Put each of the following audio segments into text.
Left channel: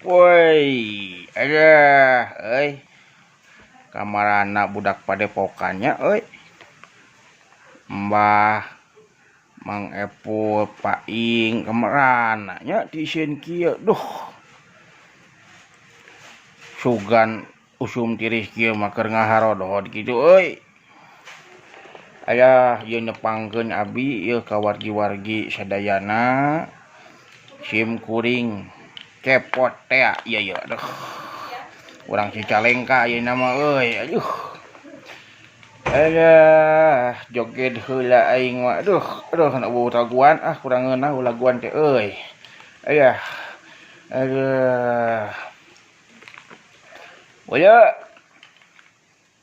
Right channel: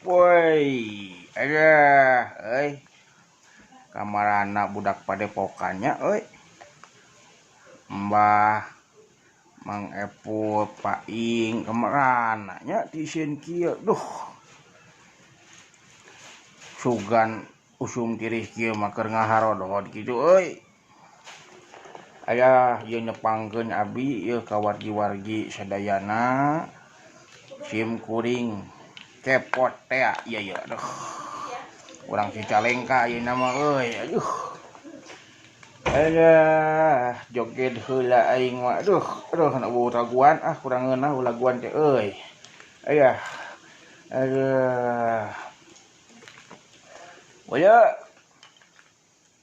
Woi, ada, kamar anak budak padepokannya, Mbah Mang Epul Paing kamar anaknya di kieu, duh, sugan usum tiris kieu maker ngaharodot gitu, Ayah ieu nyepangkeun abi ieu ka wargi-wargi sadayana sim kuring cepot teh ieu aduh. Urang Cicalengka ayeuna mah aduh. Alah joget heula aing mah aduh na laguan kurang ngeunah laguan teh Ayah. Aduh.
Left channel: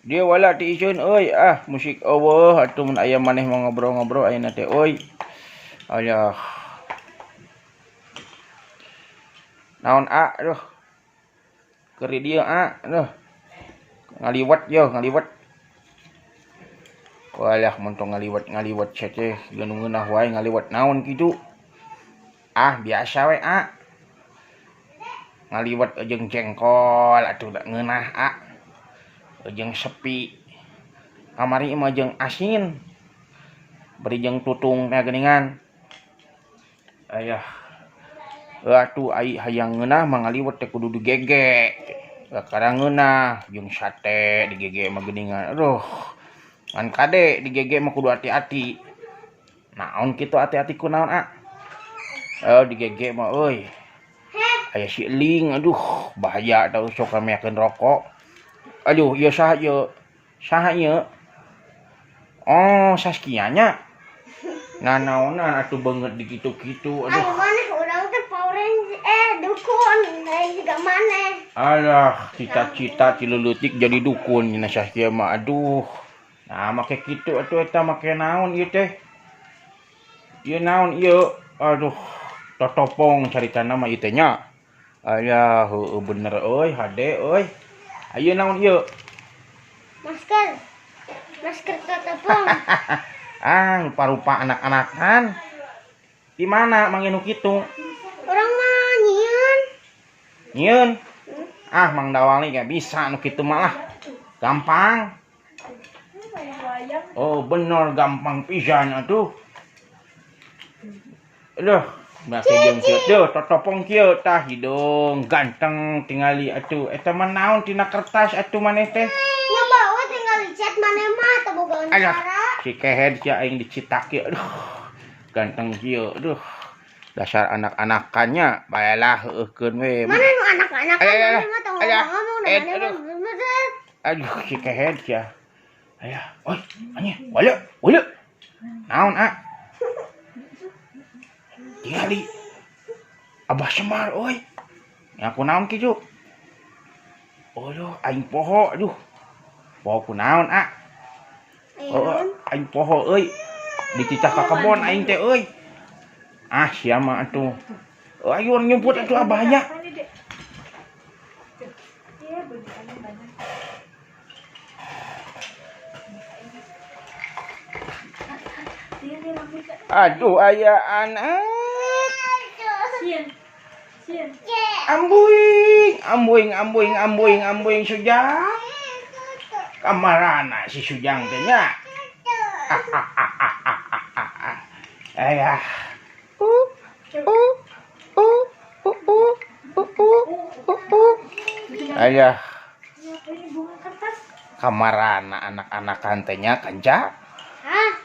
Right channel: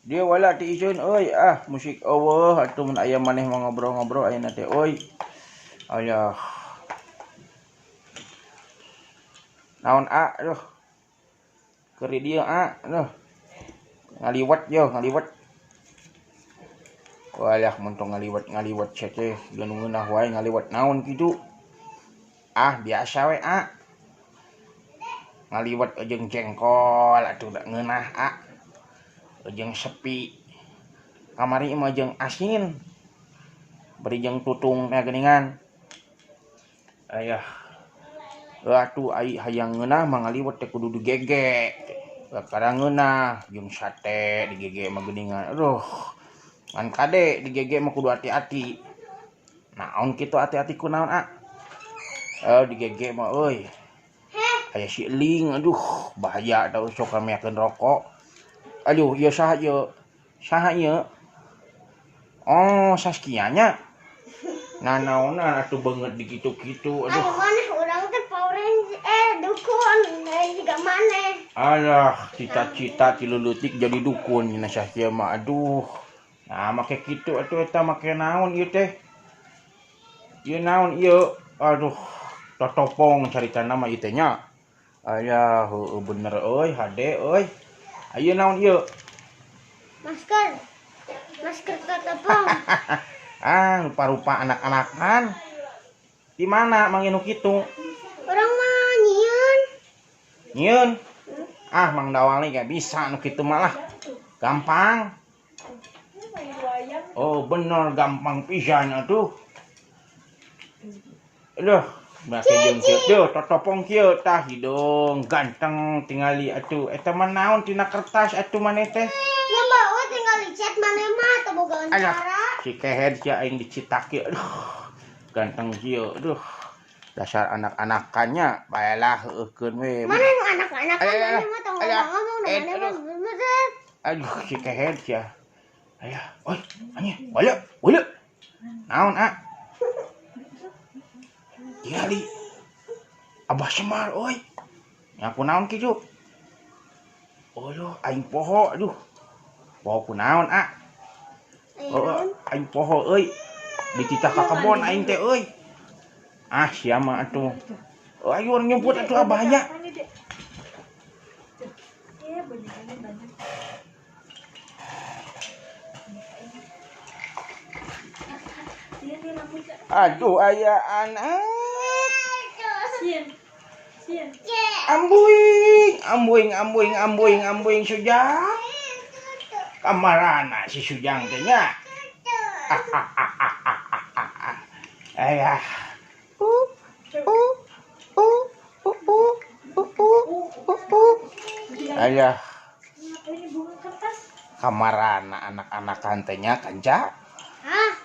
Dia wala ti iceun musik eueuh atuh mun aya maneh mau ngobrol-ngobrol ayeuna teh Alah. Naon aduh. Keur di dieu aduh. Ngaliwat. Walah mun tong ngaliwat teh geus ngeunah wae ngaliwat naon kitu. Biasa we ngaliwat jeung jengkol atuh da ngeunah jeung sepi. Kamari mah jeung asin. Beri jeung tutung teh geuningan. Ayah. Atuh ai hayang ngeunah mah ngaliwat teh kudu digege. Kadang ngeunah jeung sate digege mah geuningan. Aduh. Ngan kade digege mah kudu hati-hati. Naon kitu hati-hati kunaon digege mah aya si eling aduh bahaya tah sok rameakeun rokok. Aduh ieu saha ieu? Saha ieu? Saskia nya. Nah naonan atuh beungeut di kitu-kitu aduh. Maneh urang teh dukun juga maneh. Alah cita-cita ti leutik jadi dukun nya Saskia mah aduh. Nah make kitu atuh eta make naon ieu teh? Ieu naon ieu? Aduh totopong caritana mah ieu teh nya. Aya heueuh bener hade Ayeuna naon ieu? Masker totopong. Rupa-rupa anak-anakan. Di mana manginu kitu? Urang mah nyieun. Nyieun? Mang Dawali gak bisa nu kitu mah lah. Gampang. Bener gampang pisan atuh. Aduh, bahasa jeung kieu totopong kieu tah hidung ganteng tingali atuh. Eta mah naon tina kertas atuh maneh teh? Nya bae tinggal dicat maneh mah teu boga cara. Si kehed sia aing dicitak kieu. Aduh. Ganteng kieu. Aduh. Dasar anak-anakannya baelah heueuhkeun we. Mana nu anak-anakan maneh mah tong ngomong da maneh mah. Aduh si kehed sia. Aya, anya, wala. Naon Tingali. Abah Semar nya kunaon kitu? Aing poho aduh. Poho kunaon aing poho dicicah ka kebon aing teh sia mah atuh. Ayo nyebut atuh bahaya. Aduh aya anak. Sieun. Ambuing Sujang. Kamarana si Sujang teh nya. Ayah. Ayah. Kamarana anak-anakan teh nya kanca.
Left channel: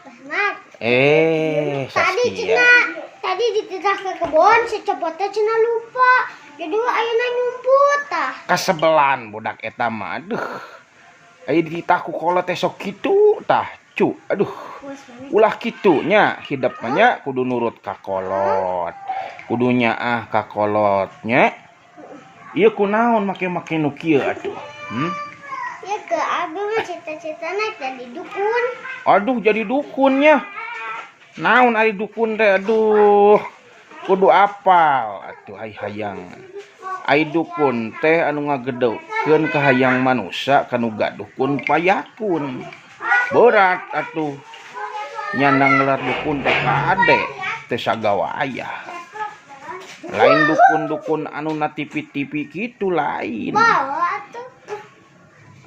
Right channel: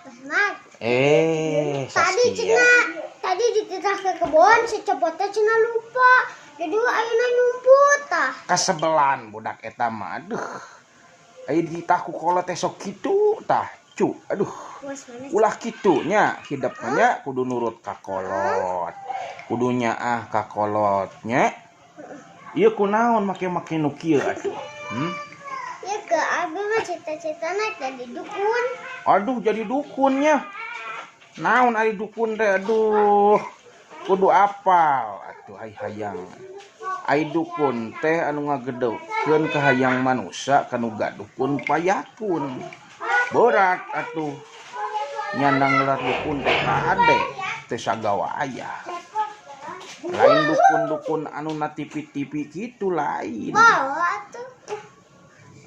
Basmat. Saskia. Tadi dititah ke kebon secepatnya cenah lupa. Jadi ayeuna nyumput tah. Kasebelan budak eta mah aduh. Aya dititah ku kolot teh sok kitu tah. Aduh. Ulah kitu nya hidupnya kudu nurut ka kolot. Kudunya ka kolotnya. Ieu kunaon make nu kieu atuh? Ya ke abi mah cita-citana jadi dukun. Aduh jadi dukunnya. Naon ari dukun teh aduh. Kudu apal atuh hayang. Ai dukun teh anu ngagedeukeun ka hayang manusia kanu dukun payakun. Berat atuh. Nya nanggelar dukun teh kade teh sagawa aya. Lain dukun-dukun anu na tipi-tipi gitu lain. Bawa tuh.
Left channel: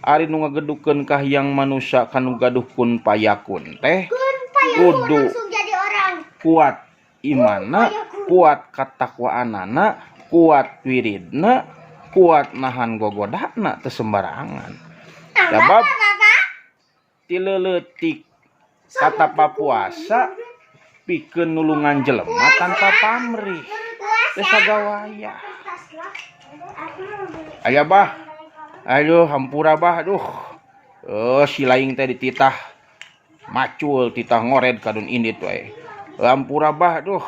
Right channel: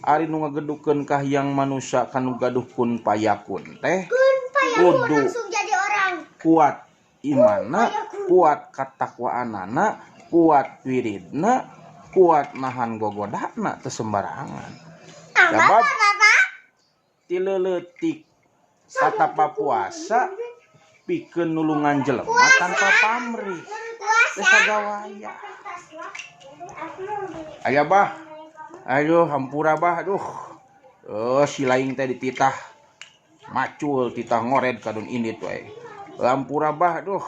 Ari nu ngagedukeun kahiyang manusia kanu gaduhkeun payakun teh Kun payah kudu langsung jadi orang. kuat imana, kuat katakwaanana, kuat wiridna, kuat nahan gogodana teu sembarangan. Sabab ti leuletik kata papuasa pikeun nulungan jelema tanpa pamrih. Teu sagawaya. Aya bah. Ayo hampura bah aduh. Si laing teh dititah macul titah ngored kadun indit we. Hampura bah aduh.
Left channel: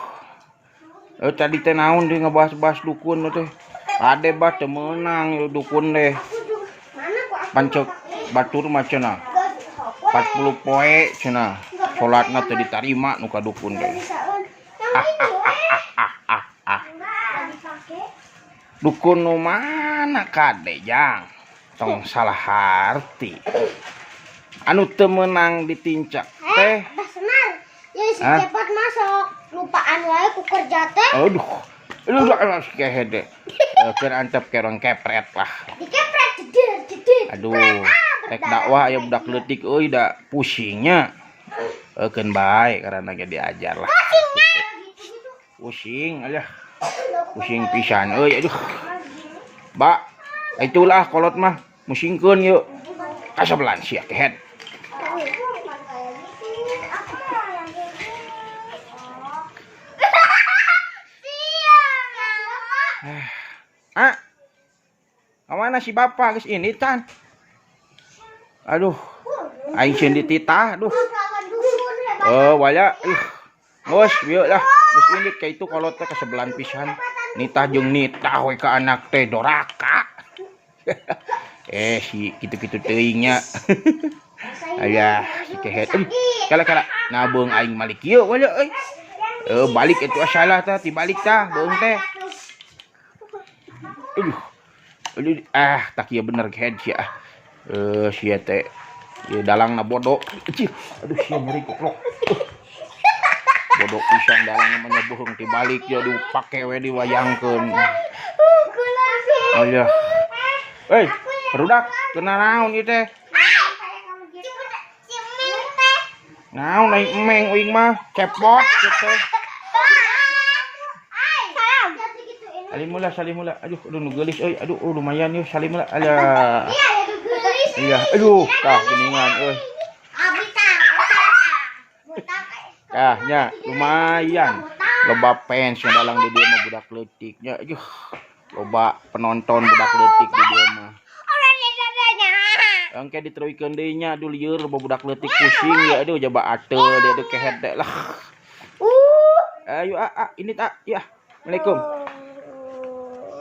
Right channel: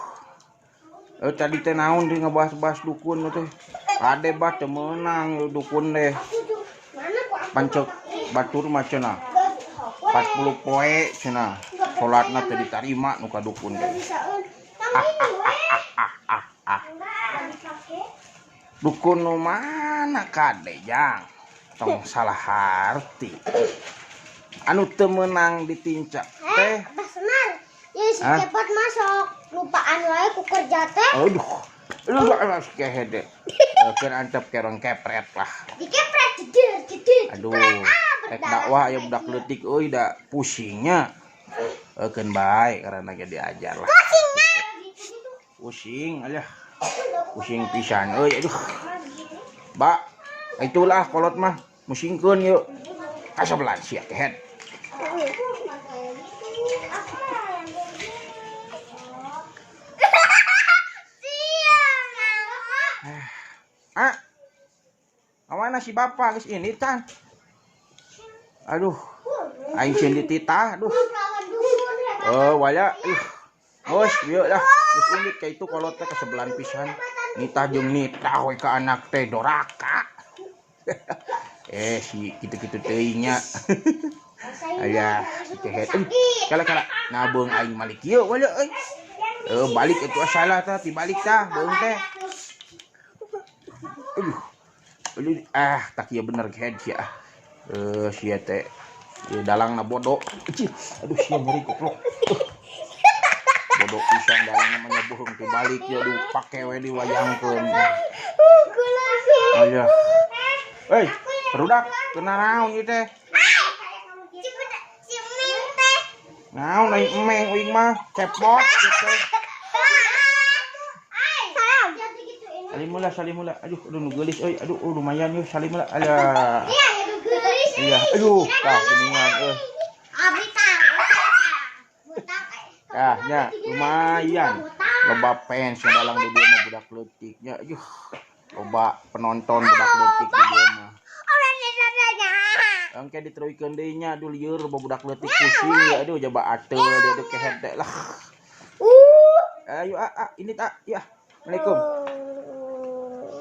Tadi teh naon deui ngebahas-bahas dukun teh. Ade bah teu meunang dukun deh. Pancok batur mah cenah. 40 poe cenah. Salatna teu ditarima nu ka dukun deh. Dukun nu mana kade jang? Tong salah harti. Anu teu meunang ditincak teh. Benar. Ya si cepot masuk. Lupaan wae ku kerja teh. Aduh. Lu udah kehe deh. Keur antep kerong kepret lah. Dikepret jeder. Aduh. Rek dakwah aya budak leutik euy da pusingnya. Keun bae karena ge diajar lah. Pusing aja. Pusing pisan euy aduh. Ba, itulah kolot mah musingkeun yuk. Kasabelan sia kehet. Mana si bapak geus ini tan. Aduh. Aing sieun dititah aduh. Waya Bos, bieu lah. Geus ini ka itu kolot teh kasabelan pisan. Nitah jeung nitah we ka anak teh doraka. Si kitu-kitu teuing nya. Aya si kehet. Kala-kala nabeung aing malik ieu wala euy. Balik itu salah tah, tibalik tah beung teh. Aduh, tak ieu bener kehet sia. Sia teh ieu dalangna bodoh. Aduh sia nyeri goblok. Bodoh pisan dalang namanya bohong tibalik ya aduh pake we diwayangkeun. Aya. Rudak kena naon ieu teh? Naon ai emeng uing mah cepot gitu. Salimula. Aduh nu geulis euy. Aduh lumayan yeuh salimula. Alah. Iya, aduh tah geuningan euy. Nya lumayan. Loba fans yang dalang di dia mah budak leutiknya. Aduh. Loba penonton budak leutik di dia mah. Engke diteruikeun deui nya aduh lieur loba budak leutik pusing ya aduh jaba ateul dia aduh kehet lah. Ayo ini tak ya. Assalamualaikum.